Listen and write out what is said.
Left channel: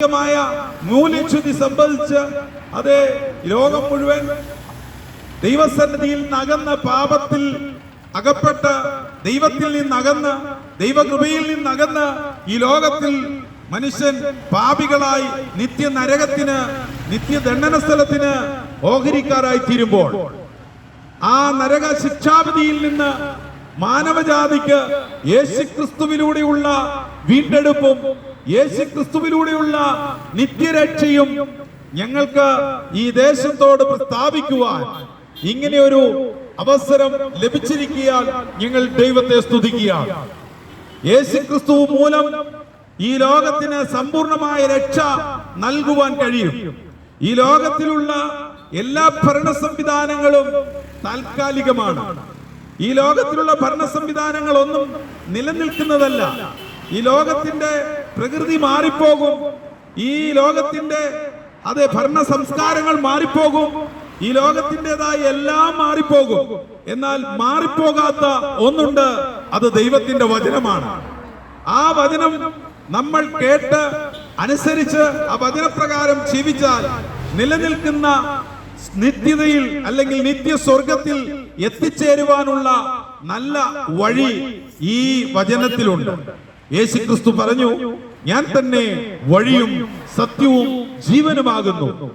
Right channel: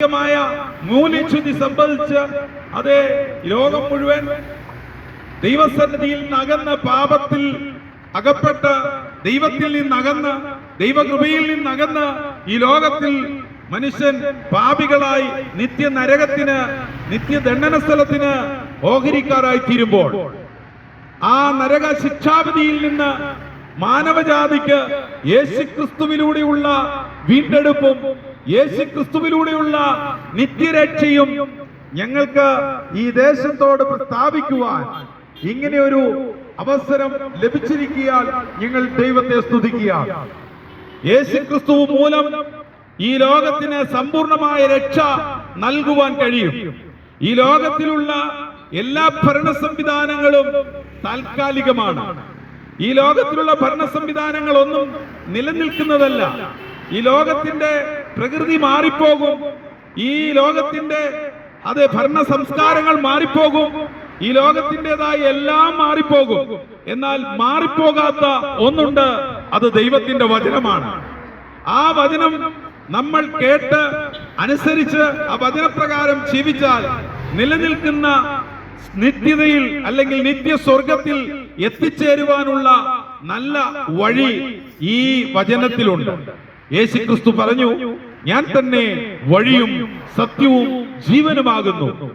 മൂല്യച്യുതി സംഭവിച്ച് അതേ ലോകം മുഴുവൻ ദൈവസന്നിധിയിൽ നകന്ന പാപത്തിൽ അകപ്പെട്ട ദൈവത്തിൽ നിന്നകന്ന് ദൈവകൃപയിൽ നിന്നകന്ന് ഈ ലോകത്തിൽ മനുഷ്യൻ പാപികളായി നിത്യ നരകത്തിന് നിത്യദണ്ഡന സ്ഥലത്തിന് ഓഹരിക്കാരായി തീരുമ്പോൾ ആ നരക ശിക്ഷാവിധിയിൽ നിന്ന് മാനവജാതിക്ക് യേശുക്രിസ്തുവിലൂടെയുള്ള വീണ്ടെടുപ്പും യേശുക്രിസ്തുവിലൂടെയുള്ള നിത്യരക്ഷയും ഞങ്ങൾക്ക് ഈ ദേശത്തോട് പ്രസ്താവിക്കുവാൻ ഇങ്ങനെ ഒരു അവസരം ലഭിച്ചിരിക്കാൻ ഞങ്ങൾ ദൈവത്തെ സ്തുതിക്കുകയാണ്. യേശുക്രിസ്തു മൂലം ഈ ലോകത്തിന് സമ്പൂർണമായ രക്ഷ നൽകുവാൻ കഴിയും. ഈ ലോകത്തിലുള്ള എല്ലാ ഭരണ സംവിധാനങ്ങളും താൽക്കാലികമാണ്. ഈ ലോകത്തിലുള്ള ഭരണ സംവിധാനങ്ങളൊന്നും നിലനിൽക്കുന്നതല്ല. ഈ ലോകത്തിന്റെ പ്രകൃതി മാറിപ്പോകും. ഈ ലോകത്തിന്റെ ഭരണ സംസ്കാരങ്ങൾ മാറിപ്പോകും. ഈ ലോകത്തിൻ്റെതായ എല്ലാം മാറിപ്പോകും. എന്നാൽ മാറിപ്പോകാത്ത ഒന്നുണ്ട്, അത് ദൈവത്തിന്റെ വചനമാണ്. ആ വചനം നമ്മൾ കേട്ട് അനുസരിച്ച് ആ വചനപ്രകാരം ജീവിച്ചാൽ നിലനിൽക്കുന്ന നിത്യതയിൽ അല്ലെങ്കിൽ നിത്യ സ്വർഗത്തിൽ എത്തിച്ചേരുവാനുള്ള നല്ല വഴി ഈ വചനത്തിലുണ്ട്. യേശുക്രിസ്തു പറഞ്ഞു, ഞാൻ തന്നെ വഴിയും സത്യവും ജീവനുമാകുന്നു.